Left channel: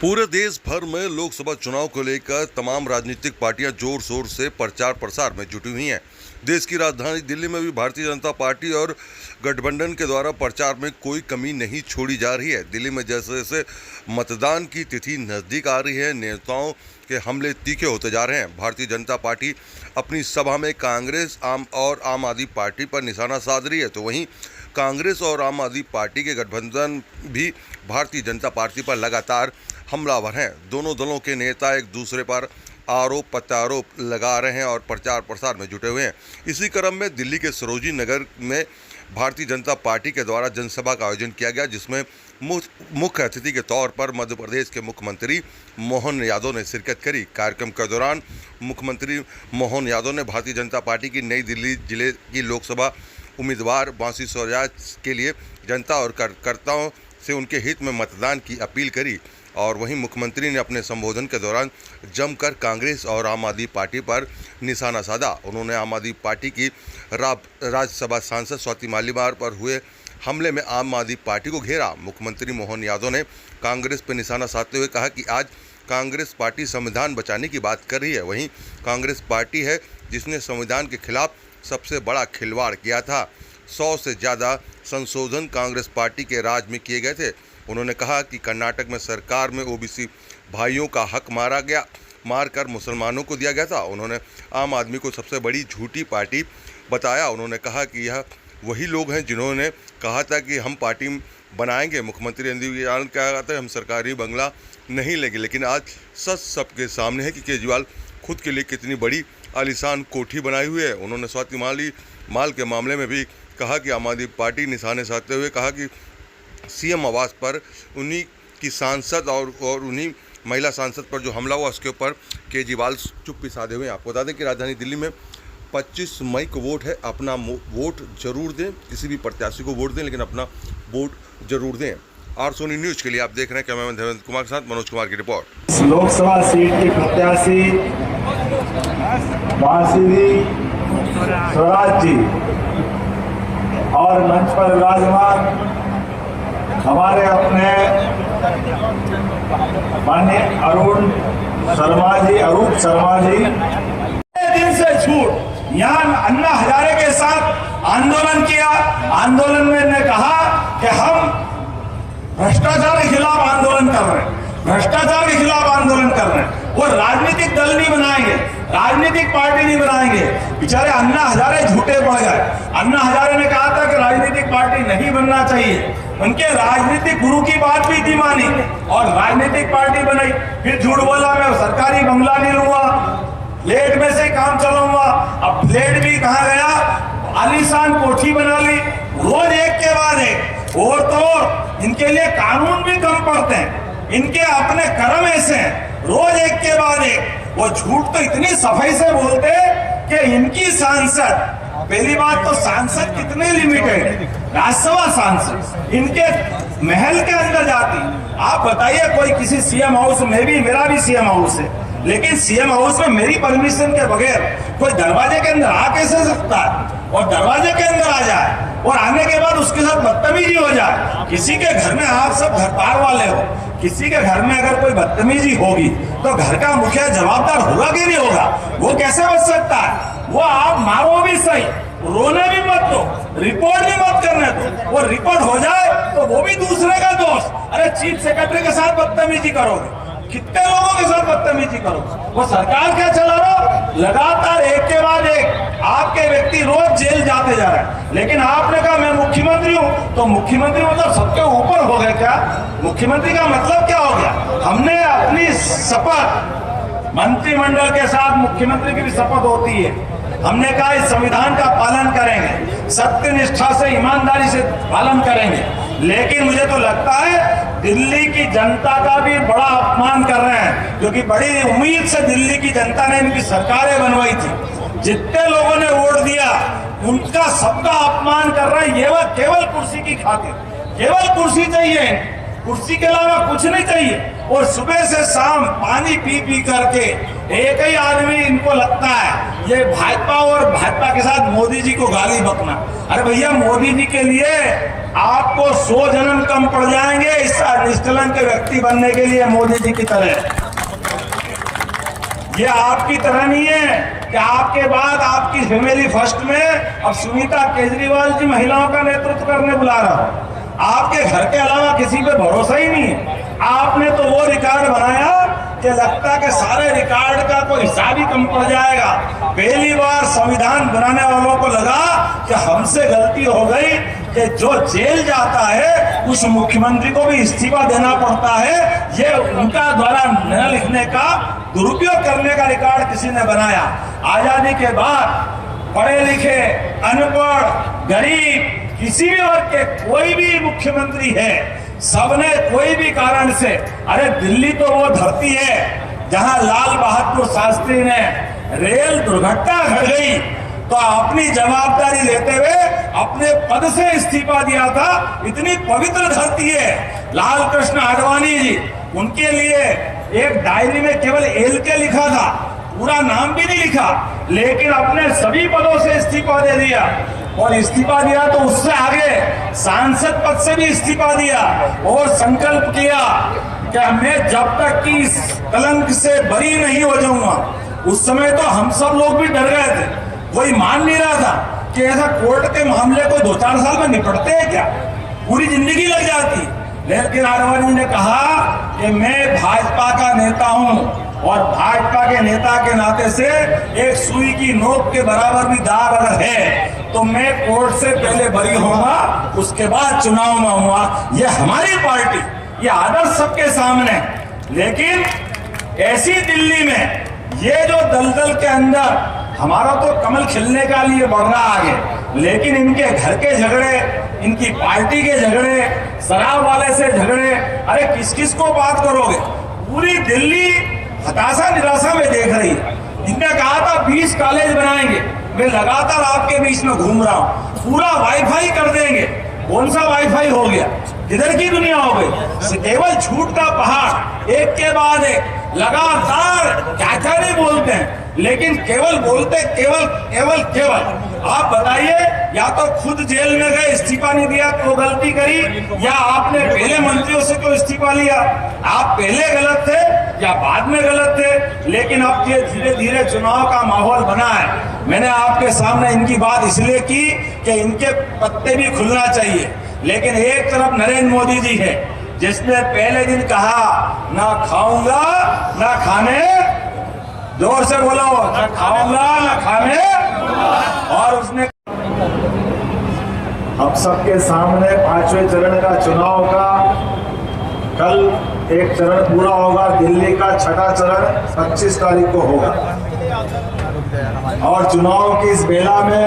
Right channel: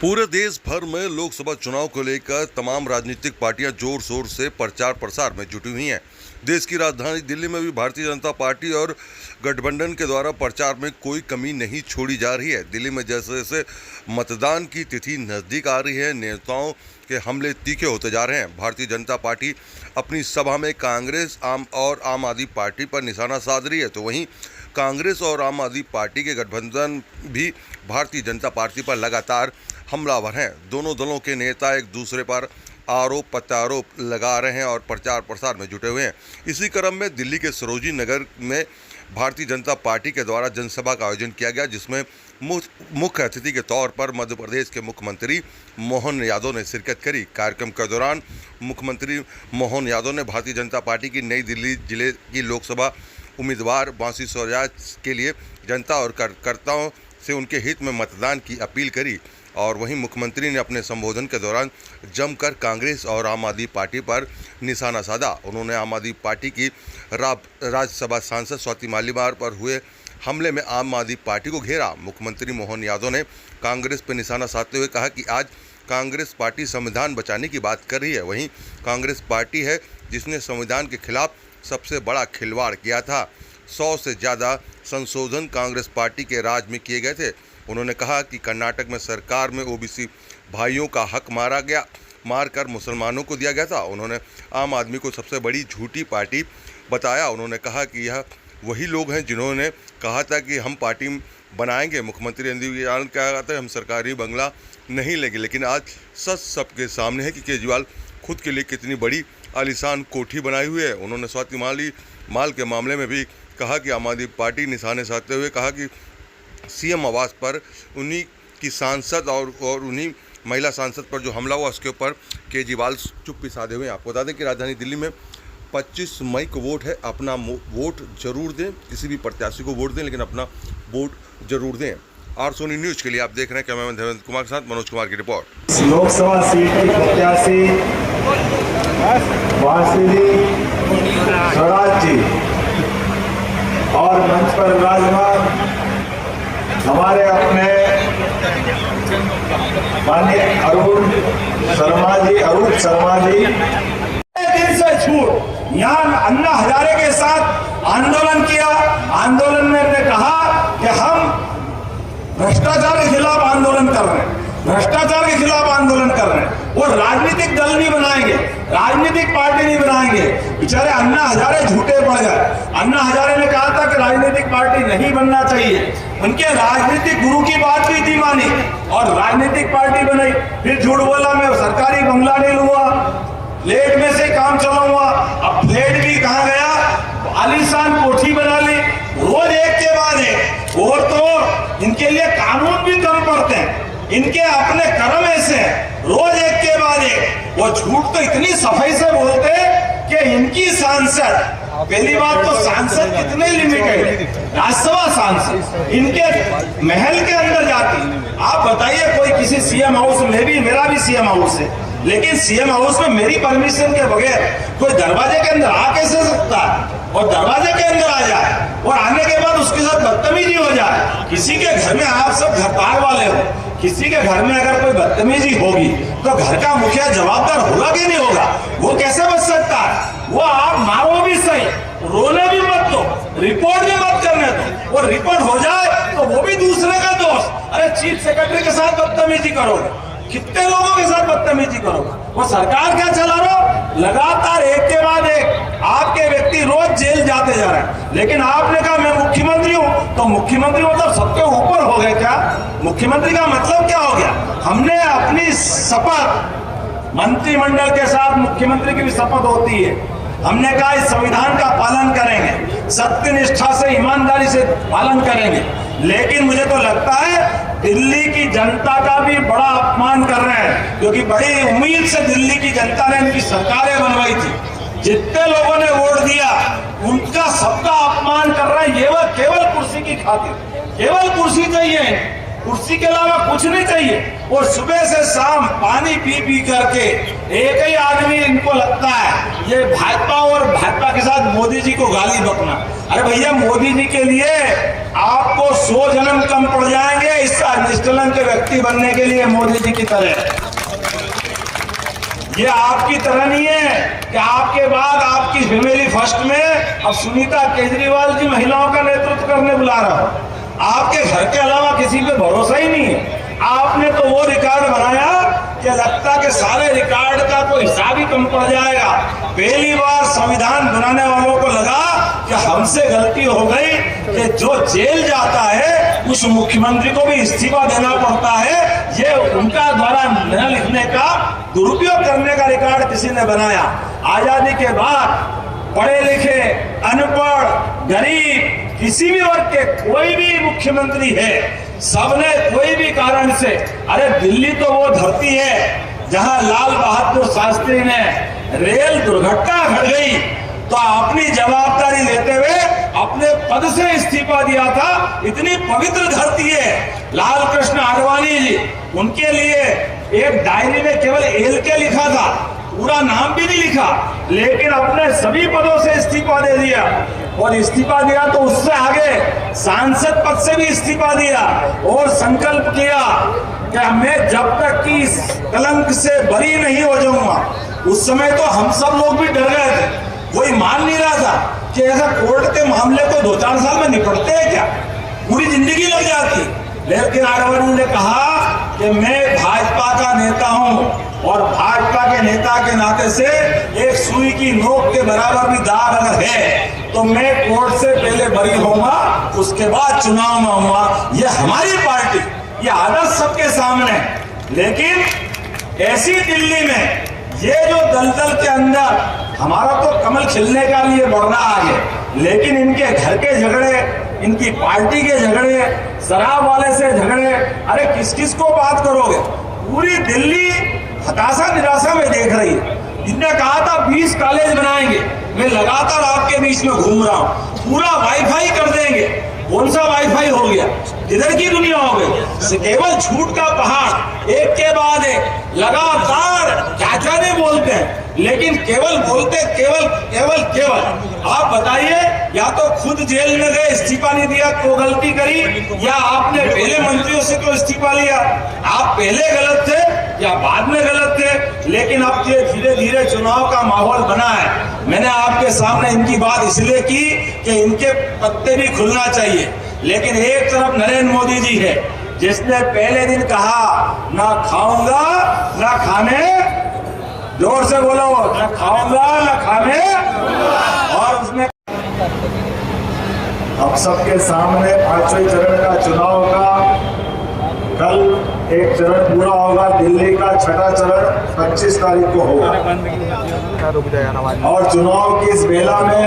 पूरे देश भर में लोकसभा चुनाव को लेकर तमाम राजनीतिक पार्टियां जोर शोर से प्रचार प्रसार में जुटी हुई हैं। देश की राजधानी दिल्ली में भी भारतीय जनता पार्टी और गठबंधन के द्वारा प्रचार में कोई कमी नहीं छोड़ी जा रही है। दिल्ली में जैसे जैसे मतदान की तिथि नज़दीक आ रही है, नेताओं के हमले तीखे होते जा रहे हैं। भारतीय जनता पार्टी अपनी सभा में कांग्रेस और आम आदमी पार्टी पर निशाना साध रही है, तो वहीं कांग्रेस और आम आदमी पार्टी के गठबंधन भी भारतीय जनता पार्टी पर लगातार हमलावर हैं। दोनों दलों के नेता एक दूसरे पर आरोप प्रत्यारोप लगा रहे हैं और प्रचार प्रसार में जुटे हुए हैं। इसी क्रम में दिल्ली के सरोजिनी नगर में भारतीय जनता पार्टी के द्वारा जनसभा का आयोजन किया गया, जिसमें मुख्य अतिथि के तौर पर मध्य प्रदेश के मुख्यमंत्री मोहन यादव ने शिरकत करी। कार्यक्रम के दौरान मुख्यमंत्री मोहन यादव ने भारतीय जनता पार्टी की नई दिल्ली जिले की लोकसभा उम्मीदवार बांसी स्वराज के लिए जनता और कार्यकर्ताओं से उनके हित में मतदान की अपील करी। और वहीं मुख्यमंत्री ने अपने संबोधन के दौरान जमकर कांग्रेस और आम आदमी पार्टी पर निशाना साधा। उन्होंने आम आदमी पार्टी की राज्यसभा सांसद स्वाति मालीवाल पर हुए हमले में आम आदमी पार्टी को घेरा। मुख्यमंत्री मोहन यादव ने कांग्रेस पर निशाना साधते हुए कहा कि आज कांग्रेस पार्टी संविधान बचाने की बात कर रही है। वहीं कांग्रेस पार्टी है जिसने संविधान के खिलाफ सबसे बड़ा खिलवाड़ किया था। 100 से ज़्यादा संशोधन कांग्रेस पार्टी के राज में किए गए थे। उन्होंने कहा कि कर्नाटक में सरकार में ओबीसी भाइयों का हक मारकर मुसलमानों को दिया गया था। उन्होंने आम आदमी को सबसे बड़ी झूठी पार्टी बताया। उन्होंने कहा कि यह वही लोग हैं जिन्होंने कहा था कि हम पार्टी बनाएंगे। मुख्यमंत्री केजरीवाल क्या कहते हैं, हम सरकारी बंगला नहीं लेंगे, लेकिन आज सच सबके सामने है कि केजरीवाल खुद के लिए कितनी बड़ी आलीशान कोठी बनाई हुई है। उन्होंने स्वाति माल के मामले में भी कहा कि आम आदमी पार्टी निशाने साधते हुए कहा कि सीएम आवास पर उन्हीं की सांसद और उन्हीं महिला सांसद पर जो हमला हुआ उसके ऊपर केजरीवाल चुप्पी साधे हुए हैं। आपको बता दें कि राजधानी दिल्ली में 25 मई को वोट है। अपना वोट जरूर दें, किसी भी प्रत्याशी को वोट दें, लेकिन अपना वोट जरूर दें। आर सोनी न्यूज के लिए आप देख रहे हैं कैमरामैन देवेंद्र कुमार के साथ मनोज कुमार की रिपोर्ट। लोकसभा सीट की प्रत्याशी बांसी स्वराज जी और मंच पर विराजमान हमारे अपने माननीय अरूप शर्मा जी दिन से छूट यहाँ अन्ना हजारे के साथ आंदोलन किया। आंदोलन में ने कहा कि हम भ्रष्टाचार के खिलाफ आंदोलन कर रहे हैं, भ्रष्टाचार के खिलाफ आंदोलन कर रहे हैं। वो राजनीतिक दल नहीं बनाएंगे, राजनीतिक पार्टी नहीं बनाएंगे। बेचारे अन्ना हजारे झूठे पड़ गए। अन्ना हजारे ने कहा था कि राजनीतिक पार्टी नहीं बनना चाहिए। उनके राजनीतिक गुरु की बात भी थी मानी और राजनीतिक पार्टी बनाई। फिर झूठ बोला मैं सरकारी बंगला नहीं लूंगा, फ्लैट में से काम चलाऊंगा। अब फ्लैट भी कहा गया, आलीशान कोठी बना ली, रोज एक के बाद एक। और तो इनके लिए कानून भी कम पड़ते हैं, इनके अपने कर्म ऐसे हैं, रोज एक के बाद एक। वो झूठ तो इतनी सफाई से बोलते हैं कि इनकी सांसद, पहली बात तो सांसद कितने लिमिटेड, राज्यसभा सांसद इनके महल के अंदर जाती। आप बताइए कोई किसी सीएम हाउस में भी, मेरा भी सीएम हाउस है, लेकिन सीएम हाउस में मेरी परमिशन के बगैर कोई दरवाजे के अंदर आ कैसे सकता है? और दरवाजे के अंदर आ जाए और आने के बाद उसके साथ बदतमीजी हो जाए। किसी के घर में आप सब घरदार वाले हो, किसी के घर में अगर कोई बदतमीजी होगी तो घर का मुखिया जवाबदार होगा कि नहीं होगा? वो कैसे बच सकता है? वो आप मारो भी सही, रोने भी मत दो, रिपोर्ट भी मत करने दो। वो रिपोर्ट हो जाए तो वो भी दूसरे का दोष। अरे चीफ सेक्रेटरी के साथ बदतमीजी करोगे, कितने लोगों के साथ बदतमीजी करो? वो सरकार क्या चला रहा? लगातार एक के बाद एक आपके व्यक्ति रोज जेल जाते जा रहे हैं। लेकिन आपने कहा मैं मुख्यमंत्री हूँ, तो मुख्यमंत्री मतलब सबके ऊपर हो गए क्या? मुख्यमंत्री का मतलब क्या हो गया? हमने अपनी शपथ, मंत्रिमंडल के साथ मुख्यमंत्री की भी शपथ होती है, हमने कहा इस संविधान का पालन करेंगे, सत्य निष्ठा से ईमानदारी से पालन करेंगे। लेकिन मुझे तो लगता है दिल्ली की जनता का भी बड़ा अपमान कर रहे हैं, क्योंकि बड़ी उम्मीद से दिल्ली की जनता ने इनकी सरकारें बनवाई थी। जितने लोगों ने वोट दिया उनका सबका अपमान कर रहे हैं। ये वो केवल कुर्सी की खातिर, केवल कुर्सी चाहिए, कुर्सी के अलावा कुछ नहीं चाहिए। और सुबह से शाम पानी पी करके एक ही आदमी इनको लगता है ये भाजपा और भाजपा के साथ मोदी जी को गाली बकना। अरे भैया, मोदी जी के लिए आपको 100 जन्म कम पड़ जाएंगे इस निष्ठलन के व्यक्ति बनने के लिए मोदी जी की तरह। ये आपकी तरह नहीं है कि आपके बाद आपकी फैमिली फर्स्ट में अब सुनीता केजरीवाल जी महिलाओं का नेतृत्व करने बुला रहा हूं। आपके घर के अलावा किसी पे भरोसा ही नहीं है। आपने तो वो रिकॉर्ड बनाया कि लगता कि सारे रिकॉर्ड का कोई हिसाब ही कम पड़ जाएगा। पहली बार संविधान बनाने वालों को लगा कि हमसे गलती हो गई कि जो जेल जाता है उस मुख्यमंत्री को भी इस्तीफा देना पड़ता है। ये उनका द्वारा न लिखने का, दुरुपयोग करने का रिकॉर्ड किसी ने बनाया। आजादी के बाद पढ़े लिखे, अनपढ़, गरीब, किसी भी वर्ग के कोई भी मुख्यमंत्री है, सबने कोई भी कारण से, अरे दिल्ली तो वो धरती है जहां लाल बहादुर शास्त्री ने रेल दुर्घटना घट गई तो अपनी जवाबदारी लेते हुए अपने पद से इस्तीफा दिया था। इतनी पवित्र धरती है। लाल कृष्ण आडवाणी जी, उनके लिए एक डायरी में केवल LK लिखा था, पूरा नाम भी नहीं लिखा, लेकिन अपने सभी पदों से इस्तीफा दे दिया। और इस्तीफा दिया तो उससे आगे सांसद पद से भी इस्तीफा दिया और संकल्प किया कि मैं जब तक कि इस कलंक से बरी नहीं हो जाऊंगा। उस समय तो हम सब लोग भी डर गए थे, कोई मान नहीं रहा था कि ऐसा कोर्ट के मामले को 2-4 साल में निपटते हैं क्या, पूरी जिंदगी लग जाती। लेकिन आडवाणी ने कहा कि मैं भाजपा का नेता हूं और भाजपा के नेता के नाते से एक सुई की नोक के बराबर भी दाग अगर है तो मैं कोर्ट से पहले बरी होगा, उसके बाद चुनाव में होगा। ये हमारी पार्टी, ये आदर्श सबके सामने। लेकिन ऐसी दिल्ली में ये जो दलदल के अंदर हमारा तो कमल खिलने का लिए बढ़ रहा आगे, लेकिन इनके घर के झगड़े, इनकी पार्टी के झगड़े, शराब वाले से झगड़े, अरे किस किस को बात करोगे। पूरी दिल्ली हताशा निराशा में देख रही है। इनने कहा था 20 कॉलेज बनाएंगे, मैं लगातार आपके बीच में घूम रहा हूं, पूरा वाईफाई कर देंगे। कौन सा वाईफाई हो गया, इधर की दुनिया हो गई। केवल झूठ का पहाड़, एक के बाद एक लगातार क्या नहीं बोलते हैं, लेकिन केवल बोलते केवल। आप बताइए, या तो खुद जेल में गए इस्तीफा नहीं दिया तो गलती करी, या आपने पहले मंत्रियों से तो इस्तीफा लिया। आप पहले गलत थे या बाद में गलत थे, लेकिन अब ये धीरे धीरे चुनाव का माहौल बना है। मैंने आपके सामने इनकी बात इसलिए की कि इनके पत्ते भी खुलना चाहिए। लेकिन एक तरफ नरेंद्र मोदी जी है जिसने पहले दिन कहा ना खाऊंगा ना खाने, जोर से बोला, ना खाऊंगा ना खाने, और उसने हम सबके सामने 5वें चरण का चुनाव का कल एक चरण पूरा होगा। दिल्ली का 6ठा चरण 25 तारीख को होगा और चुनाव की इस बेला में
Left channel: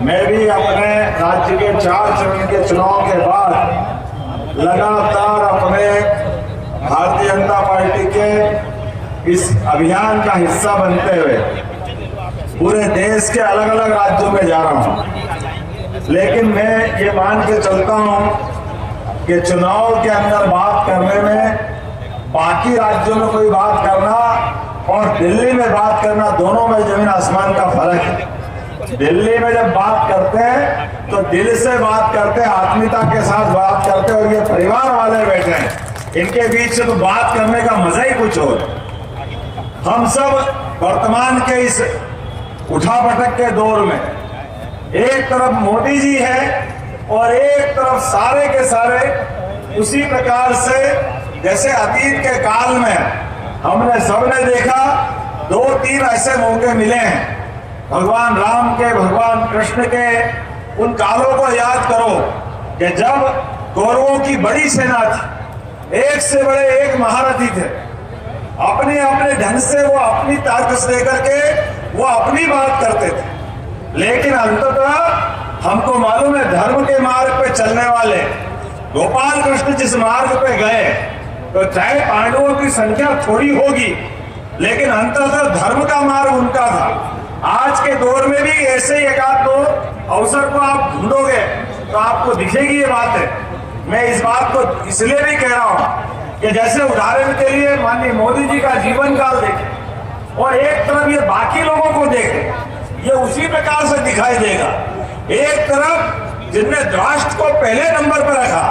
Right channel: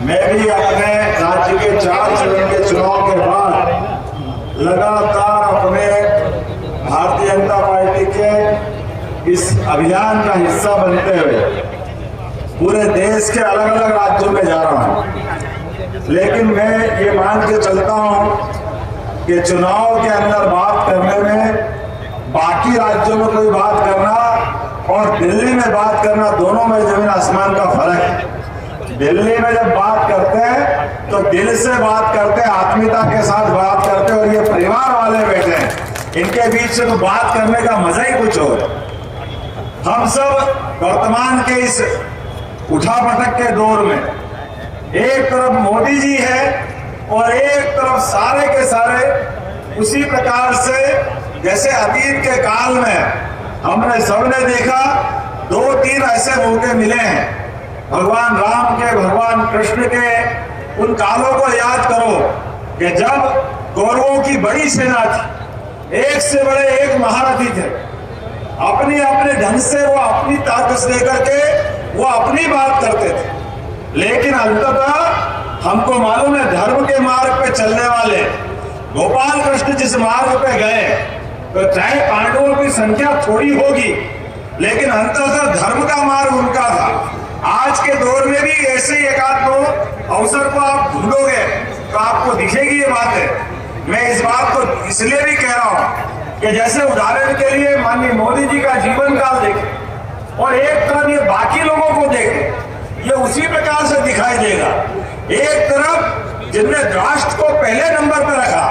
मैं भी अपने राज्य के 4 चरण के चुनाव के बाद लगातार अपने भारतीय जनता पार्टी के इस अभियान का हिस्सा बनते हुए पूरे देश के अलग अलग राज्यों में जा रहा हूं। लेकिन मैं ये मान के चलता हूं कि चुनाव के अंदर बात करने में बाकी राज्यों में कोई बात करना और दिल्ली में बात करना, दोनों में जमीन आसमान का फर्क है। दिल्ली में जब बात करते हैं तो दिल से बात करते हैं, आत्मीयता के साथ बात करते हैं, और ये परिवार वाले बैठे हैं, इनके बीच से तो बात करने का मजा ही कुछ हो। हम सब वर्तमान के इस उठापटक के दौर में एक तरफ मोदी जी है और एक तरफ सारे के सारे उसी प्रकार से जैसे अतीत के काल में हमने सबने देखा 2-3 ऐसे मौके मिले हैं। भगवान राम के, भगवान कृष्ण के उन कालों को याद करो कि जब कौरवों की बड़ी सेना थी, एक से बड़े एक महारथी थे, अपने अपने ढंग से वो अपनी ताकत लेकर के वो अपनी बात करते थे। लेकिन अंततः हमको मालूम है धर्म के मार्ग पे चलने वाले गोपाल कृष्ण जिस मार्ग पे गए, तो चाहे पांडवों की संख्या थोड़ी होगी लेकिन अंततः धर्म का मार्ग उनका था। आज के दौर में भी ऐसे एक आध दो अवसर को आप ढूंढोगे तो आपको दिखेगी ये बात है। मैं इस बात को इसलिए भी कह रहा हूं कि जैसे उदाहरण के लिए माननीय मोदी जी का जीवन काल देखें, और एक तरफ ये बाकी लोगों को देखे, ये उसी प्रकार से दिखाई देगा। एक तरफ जिनने राष्ट्र को पहले नंबर पर रखा,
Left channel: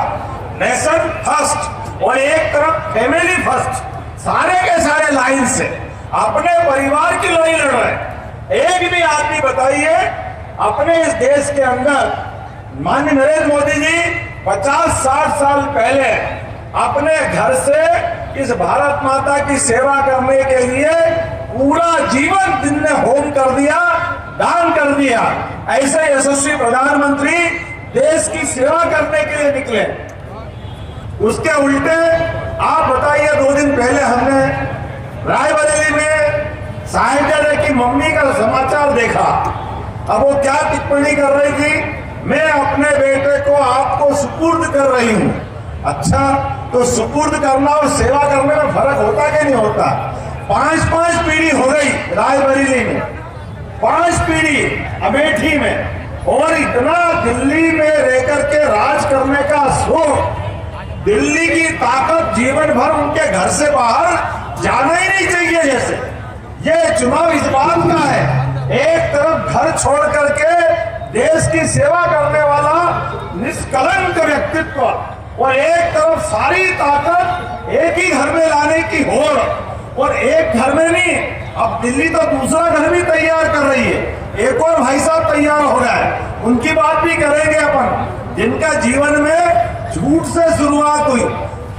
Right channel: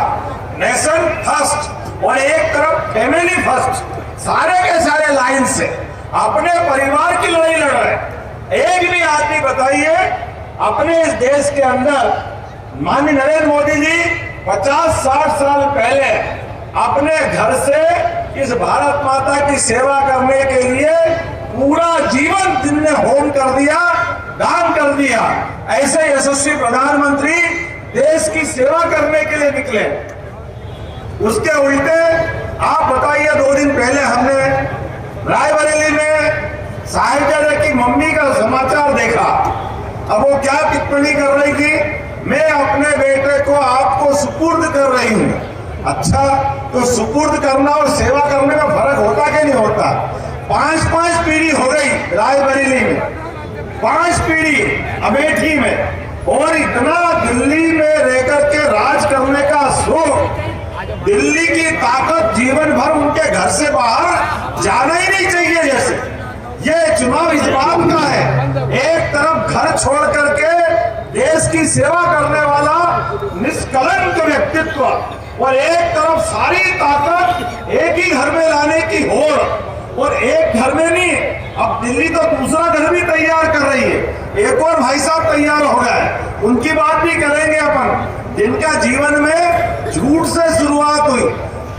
नेशन फर्स्ट, और एक तरफ फैमिली फर्स्ट, सारे के सारे लाइन से अपने परिवार की लड़ाई लड़ रहे हैं। एक भी आदमी बताइए अपने इस देश के अंदर माननीय नरेंद्र मोदी जी 50-60 साल पहले अपने घर से इस भारत माता की सेवा करने के लिए पूरा जीवन जिनने होम कर दिया, दान कर दिया, ऐसे यशस्वी प्रधानमंत्री देश की सेवा करने के लिए निकले। उसके उल्टे आप बताइए, 2 दिन पहले हमने रायबरेली में साहित्य की मम्मी का समाचार देखा। अब वो क्या टिप्पणी कर रही थी, मैं अपने बेटे को आपको सुपुर्द कर रही हूं। अच्छा, तो सुपुर्द करना और सेवा करने में फर्क होता कि नहीं होता? 5-5 पीढ़ी हो गई रायबरेली में, 5 पीढ़ी अमेठी में, और इतना दिल्ली में रहकर के राज करने का शौक, दिल्ली की ताकत जीवन भर उनके घर से बाहर जाना ही नहीं चाहिए। जैसे ये चुनाव इस बात का है, एक तरफ घर छोड़ करके देश की सेवा करने वाला निष्कलंक व्यक्तित्व, और एक तरफ सारी ताकत एक ही घर में लाने की होड़, और एक घर में नहीं, अब दिल्ली तो दूसरा घर भी तैयार कर रही है। एक और भाई साहब तैयार हो गए, उनकी बात भी करेंगे अपन, जिनका जीवन में झूठ से शुरुआत हुई।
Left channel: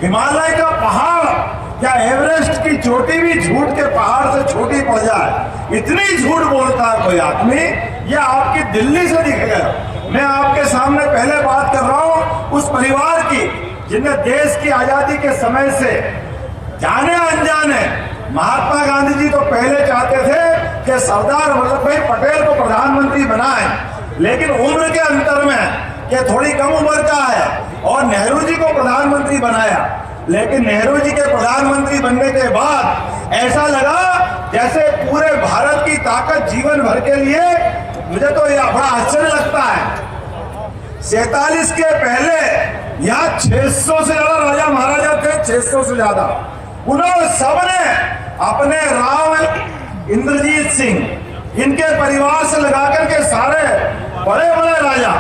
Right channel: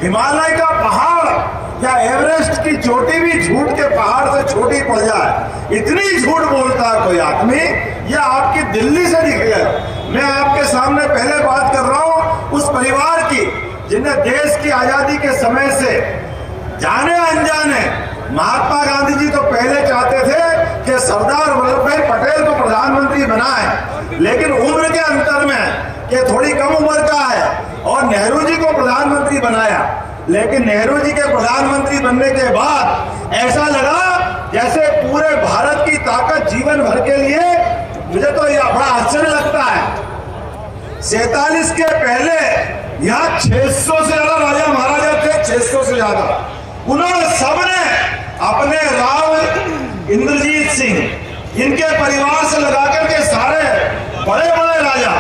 हिमालय का पहाड़ या एवरेस्ट की चोटी भी झूठ के पहाड़ से छोटी पड़ जाए, इतनी झूठ बोलता है कोई आदमी। यह आपकी दिल्ली से दिख गया। मैं आपके सामने पहले बात कर रहा हूं उस परिवार की जिन्हें देश की आजादी के समय से जाने अनजाने, महात्मा गांधी जी तो पहले चाहते थे कि सरदार वल्लभ भाई पटेल को प्रधानमंत्री बनाए, लेकिन उम्र के अंतर में कि थोड़ी कम उम्र का है, और नेहरू जी को प्रधानमंत्री बनाया। लेकिन नेहरू जी के प्रधानमंत्री बनने के बाद ऐसा लगा जैसे पूरे भारत की ताकत जीवन भर के लिए, मुझे तो यह बड़ा आश्चर्य लगता है, 47 के पहले यहाँ 600 से ज्यादा राजा महाराजा थे, 600 से ज्यादा। उन्होंने सबने अपने राम इंद्रजीत सिंह, इनके परिवार से लगाकर के सारे बड़े बड़े राजा,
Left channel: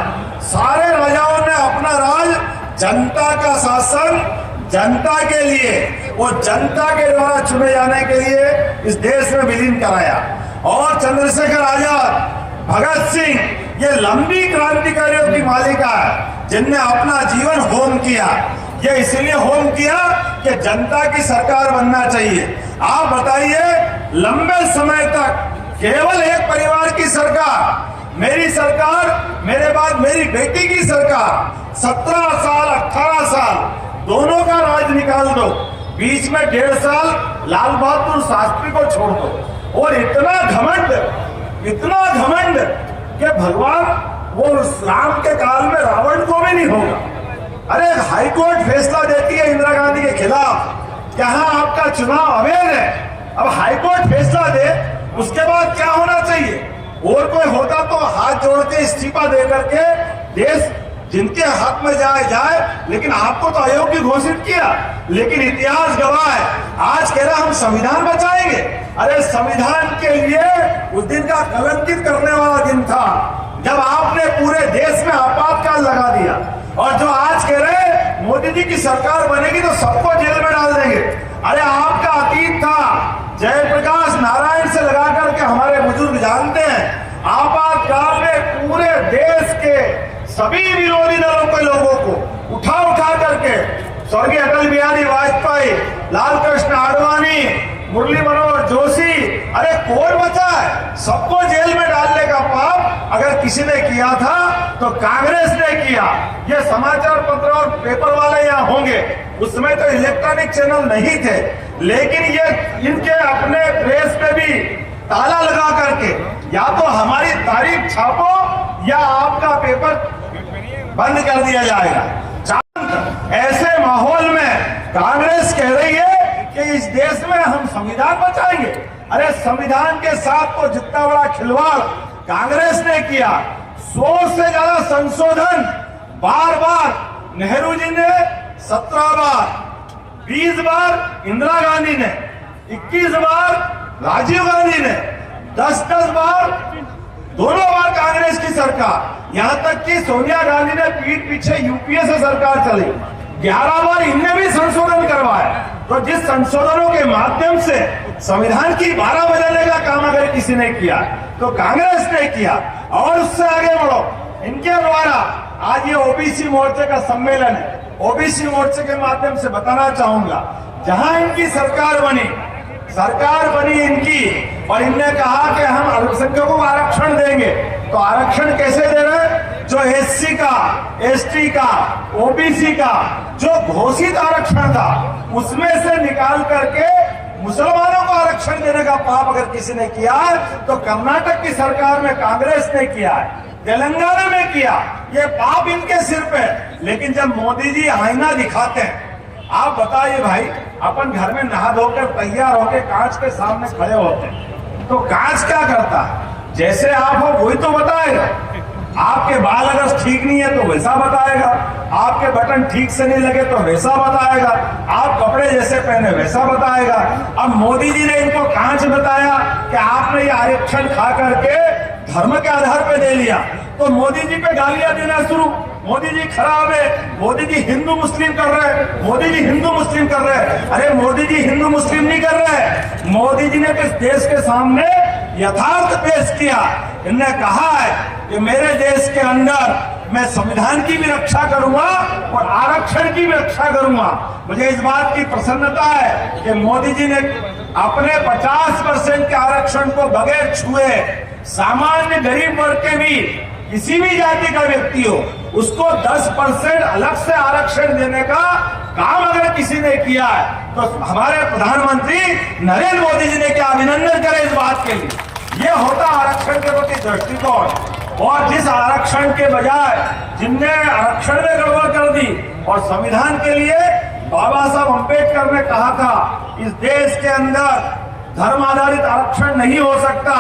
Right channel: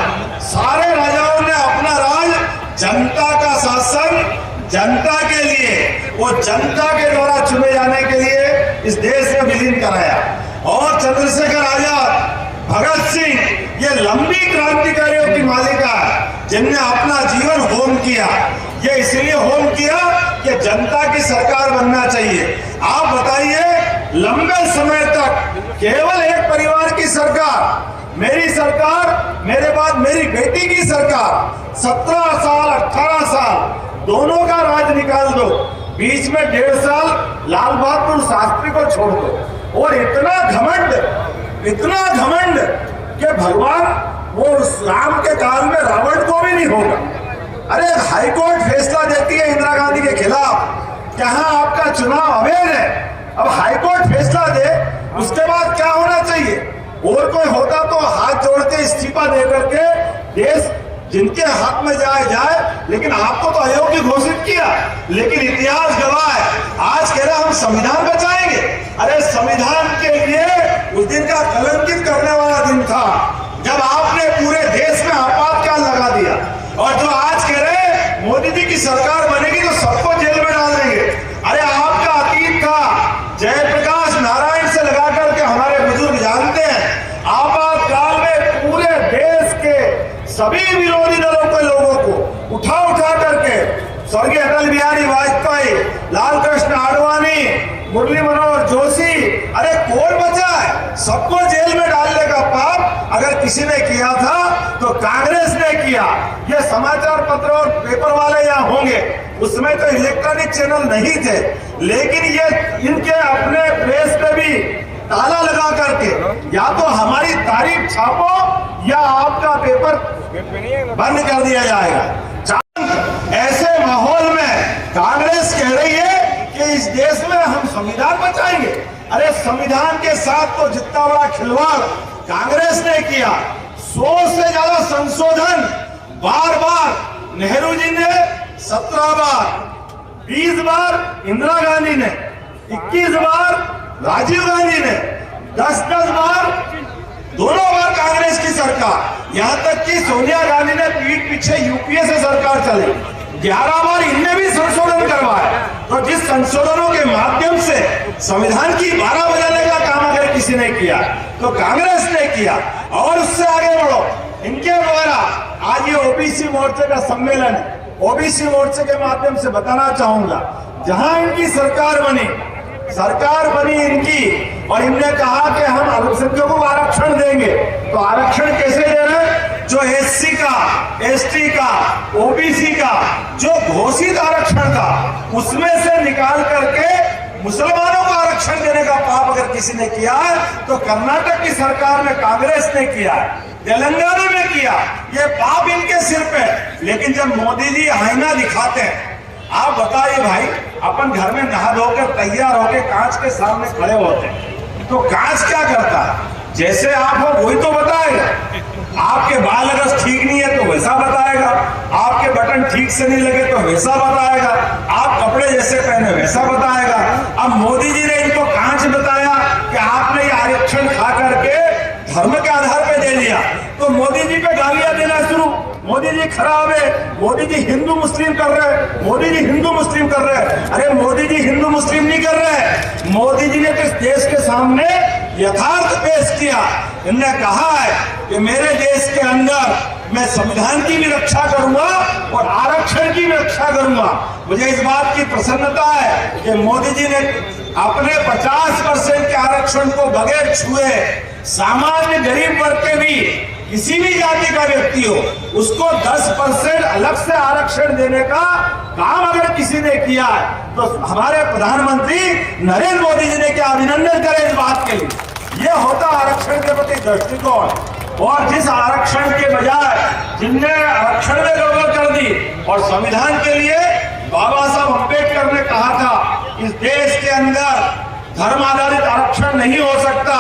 सारे राजाओं ने अपना राज, जनता का शासन, जनता के लिए और जनता के द्वारा चुने जाने के लिए इस देश में विलीन कराया। और चंद्रशेखर आजाद, भगत सिंह, ये लंबी क्रांतिकारियों की मालिका है जिनने अपना जीवन होम किया। ये इसलिए होम किया कि जनता की सरकार बनना चाहिए। आप बताइए, लंबे समय तक केवल एक परिवार की सरकार, मेरी सरकार, मेरे बाद मेरी बेटी की सरकार, 17 साल 18 साल दोनों का राज निकाल दो, बीच में 1.5 साल लाल बहादुर शास्त्री को छोड़ दो। और इतना घमंड कि भगवान वो इस्लाम के काल में रावण को भी नहीं होगा। अरे हाईकोर्ट फैसला देती है इंदिरा गांधी के खिलाफ, जहां आपका चुनाव अवैध है, अब हाईकोर्ट फैसला दे, उसके बाद क्या होना चाहिए? और कोई होता तो हाथ जोड़ के इस्तीफा दे करके देश जिनके हाथ में जाए, लेकिन आपको तो अयोग्य घोषित किया। लेकिन इतिहास गवाह है, आज कह रहा हम संविधान बचाएंगे। अरे संविधान के लिए उस दिन का कलंकित करने वाला दिन था जब आपने पूरे देश में आपातकाल लगा दिया। और जो आज कह रहे मोदी जी की सरकार बनेगी तो सबको जेल में डाल देंगे। अरे आपका अतीत था, जयप्रकाश नारायण से लगा करके हमारे बुजुर्ग जानते हैं, आपातकाल में पूरे देश के सभी विरोधी दलों के लोगों को उठा करके स्वर्गीय अटल बिहारी वाजपेयी, लाल कृष्ण आडवाणी, मुरली मनोहर जोशी, अरे कौन बचा है? सबको जेल में डालने का पाप अगर किसी ने किया था तो कांग्रेस ने किया। ये समाचार पत्र और पेपर वाले यहाँ होंगे, उसमें तो इलेक्ट्रॉनिक चैनल नहीं थे, लेकिन ये इनके अपने प्रेस पे भी ताला लगा करके या तो हमारी तारीख छापो या आपका पेपर बंद कर दिया जाएगा। ऐसे माहौल में कांग्रेस कह रही है कि इस देश में हम संविधान बचाएंगे। अरे संविधान के साथ तो जितना बड़ा खिलवाड़ कांग्रेस ने किया, 100 से ज्यादा संशोधन बार नेहरू जी ने 17 बार, 20 बार इंदिरा गांधी ने, 21 बार राजीव गांधी ने 10-10 बार, दोनों बार कांग्रेस की सरकार, यहां तक कि सोनिया गांधी ने पीठ पीछे यूपीए से सरकार चली, 11 बार इनने भी संशोधन करवाया। तो जिस संशोधनों के माध्यम से संविधान की 12 बदलने का काम अगर किसी ने किया तो कांग्रेस ने किया। और उससे आगे बढ़ो, इनके द्वारा आज ये ओबीसी मोर्चे का सम्मेलन है। ओबीसी मोर्चे के माध्यम से बताना चाहूंगा, जहां इनकी सरकार बनी इनकी, और इनने कहा कि हम अल्पसंख्यकों को आरक्षण देंगे। तो आरक्षण कैसे दे रहे हैं? जो एससी का, एसटी का, ओबीसी का जो घोषित आरक्षण था उसमें से निकाल करके मुसलमानों को आरक्षण देने का पाप अगर किसी ने किया तो कर्नाटक की सरकार में कांग्रेस ने किया, तेलंगाना में किया। ये पाप इनके सिर पे। लेकिन जब मोदी जी आईना दिखाते हैं, आप बताइए भाई, अपन घर में नहा धोकर तैयार होकर कांच के सामने खड़े होते हैं तो कांच क्या करता है? जैसे आप हो वही तो बताएगा। आपके बाल अगर ठीक नहीं है तो वैसा बताएगा, आपके बटन ठीक से नहीं लगे तो वैसा बताएगा, आप कपड़े जैसे पहने वैसा बताएगा। अब मोदी जी ने इनको कांच बताया कि आपने ये आरक्षण खा करके धर्म के आधार पे दे लिया, तो मोदी जी पे गालियां देना शुरू। मोदी जी खराब है, मोदी जी हिंदू मुस्लिम कर रहे हैं, मोदी जी हिंदू मुस्लिम कर रहे हैं। अरे मोदी जी हिंदू मुस्लिम नहीं कर रहे हैं, मोदी जी ने तो इस देश के सामने यथार्थ पेश किया। इन्होंने कहा है कि मेरे देश के अंदर मैं संविधान की भी रक्षा करूंगा और आरक्षण की भी रक्षा करूंगा। मुझे इस बात की प्रसन्नता है कि मोदी जी ने अपने 50% के आरक्षण को बगैर छुए सामान्य गरीब वर्ग के भी किसी भी जाति का व्यक्ति हो उसको 10% अलग से आरक्षण देने का काम अगर किसी ने किया तो हमारे प्रधानमंत्री नरेंद्र मोदी जी ने क्या अभिनंदन करे इस बात के लिए। ये होता आरक्षण के प्रति दृष्टिकोण। और जिस आरक्षण के बजाय जिनने आरक्षण में गड़बड़ कर दी और संविधान के लिए बाबा साहब अम्बेडकर ने कहा था इस देश के अंदर धर्म आधारित आरक्षण नहीं हो सकता,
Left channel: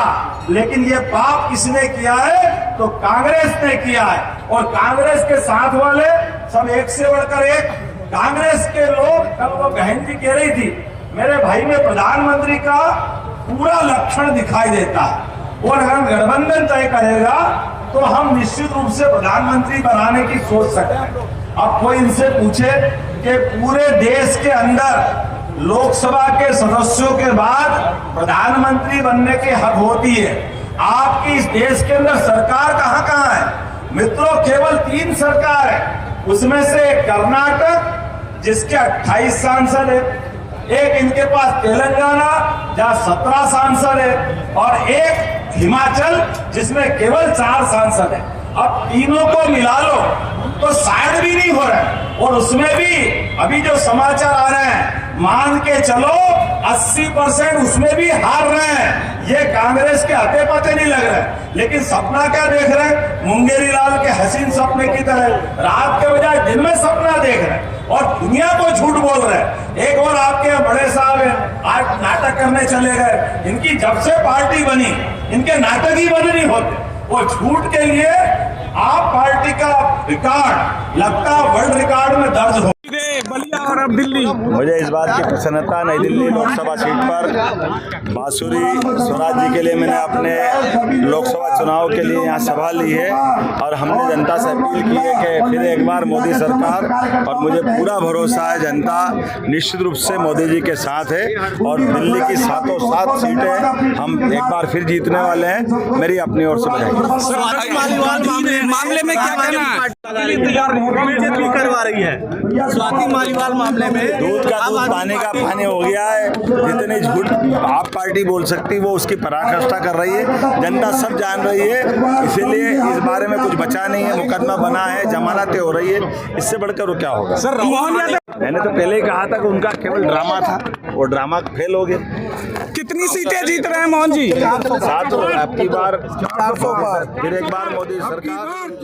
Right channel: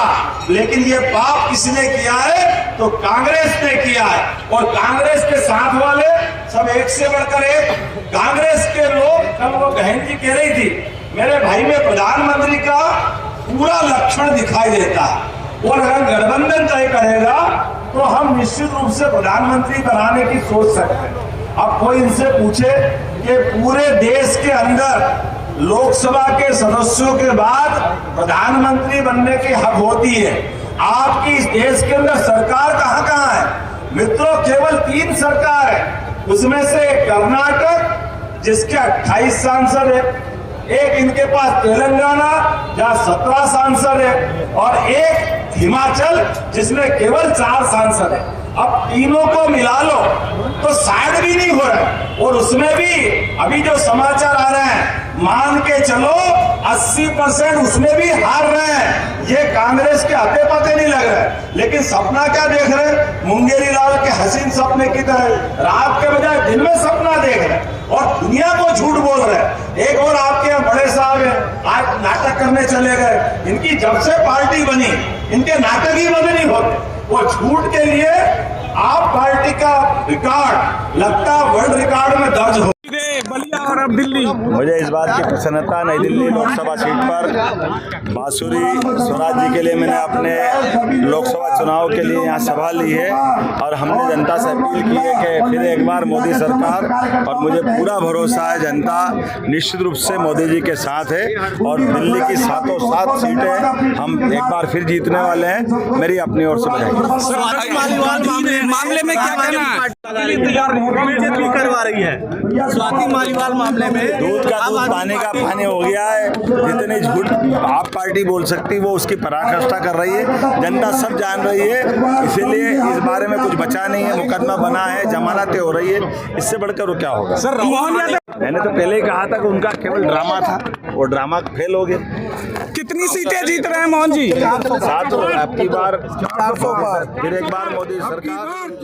लेकिन ये पाप किसने किया है? तो कांग्रेस ने किया है। और कांग्रेस के साथ वाले सब एक से बढ़कर एक। कांग्रेस के लोग, कल वो बहन जी कह रही थी मेरे भाई में प्रधानमंत्री का पूरा लक्षण दिखाई देता है और अगर गठबंधन तय करेगा तो हम निश्चित रूप से प्रधानमंत्री बनाने की सोच सकते हैं। अब कोई इनसे पूछे कि पूरे देश के अंदर लोकसभा के सदस्यों के बाद प्रधानमंत्री बनने की हक होती है, आपकी इस देश के अंदर सरकार कहां कहां है? मित्रों, केवल 3 सरकार है, उसमें से कर्नाटक जिसके 28 सांसद है, एक इनके पास तेलंगाना जहां 17 सांसद है और एक हिमाचल जिसमें केवल 4 सांसद है। अब तीनों को मिला लो तो 60 भी नहीं हो रहा। और उसमें भी अभी जो समाचार आ रहे हैं मान के चलो 80% उसमें भी हार रहे हैं। ये कांग्रेस के हाथे पते नहीं लग रहे, लेकिन सपना क्या देख रहे हैं? मुंगेरी लाल के हसीन सपने की तरह रात के बजाय दिन में सपना देख रहे हैं और दुनिया को झूठ बोल रहे हैं। एक और आपके यहाँ बड़े साहब हैं, आज नाटक करने चले गए। इनकी जब से पार्टी बनी इनके नाटक ही बंद नहीं होते। वो झूठ के लिए आप पार्टी का रिकॉर्ड लगता है वर्ल्ड रिकॉर्ड में दर्ज हो। बलिया और अब दिल्ली। मुझे इस बात की प्रसन्नता, नई दिल्ली लोकसभा सीट पर बांसुरी स्वराज जी के लिए मैंने अपने लोकसभा चुनाव के लिए यहाँ सभा ली है और हमने जनता से अपील की है कि फिर एक बार मोदी सरकार, और मुझे पूरा भरोसा है जनता निश्चित रूप से मोदी जी के साथ है और दिल्ली की 7 सीटें हम एक बार फिर जीतने वाले हैं। मेरी अपनी ओर से बधाई। मामले में क्या कहना है? बीजेपी करवा रही है स्वाति मालीवाल मामले में दूध का दूध पानी का पानी हो गया है। जितने झूठ आप पार्टी बोल सकती वो उसकी पराकाष्ठा कर रही है, जनता सब जान रही है। इसीलिए इस बारे में कुछ बचा नहीं है, मुकदमा बना है, जमानतें हो रही है, इससे बढ़कर वो क्या होगा? सर मैंने तो पहले ही कहा था कि उनका केवल ड्रामा था, वो ड्रामा फेल हो गया। कितनी सीटें जीत रहे हैं मोहन जी? 700 अब की बार 400 पर फिर एक बार मोदी सरकार।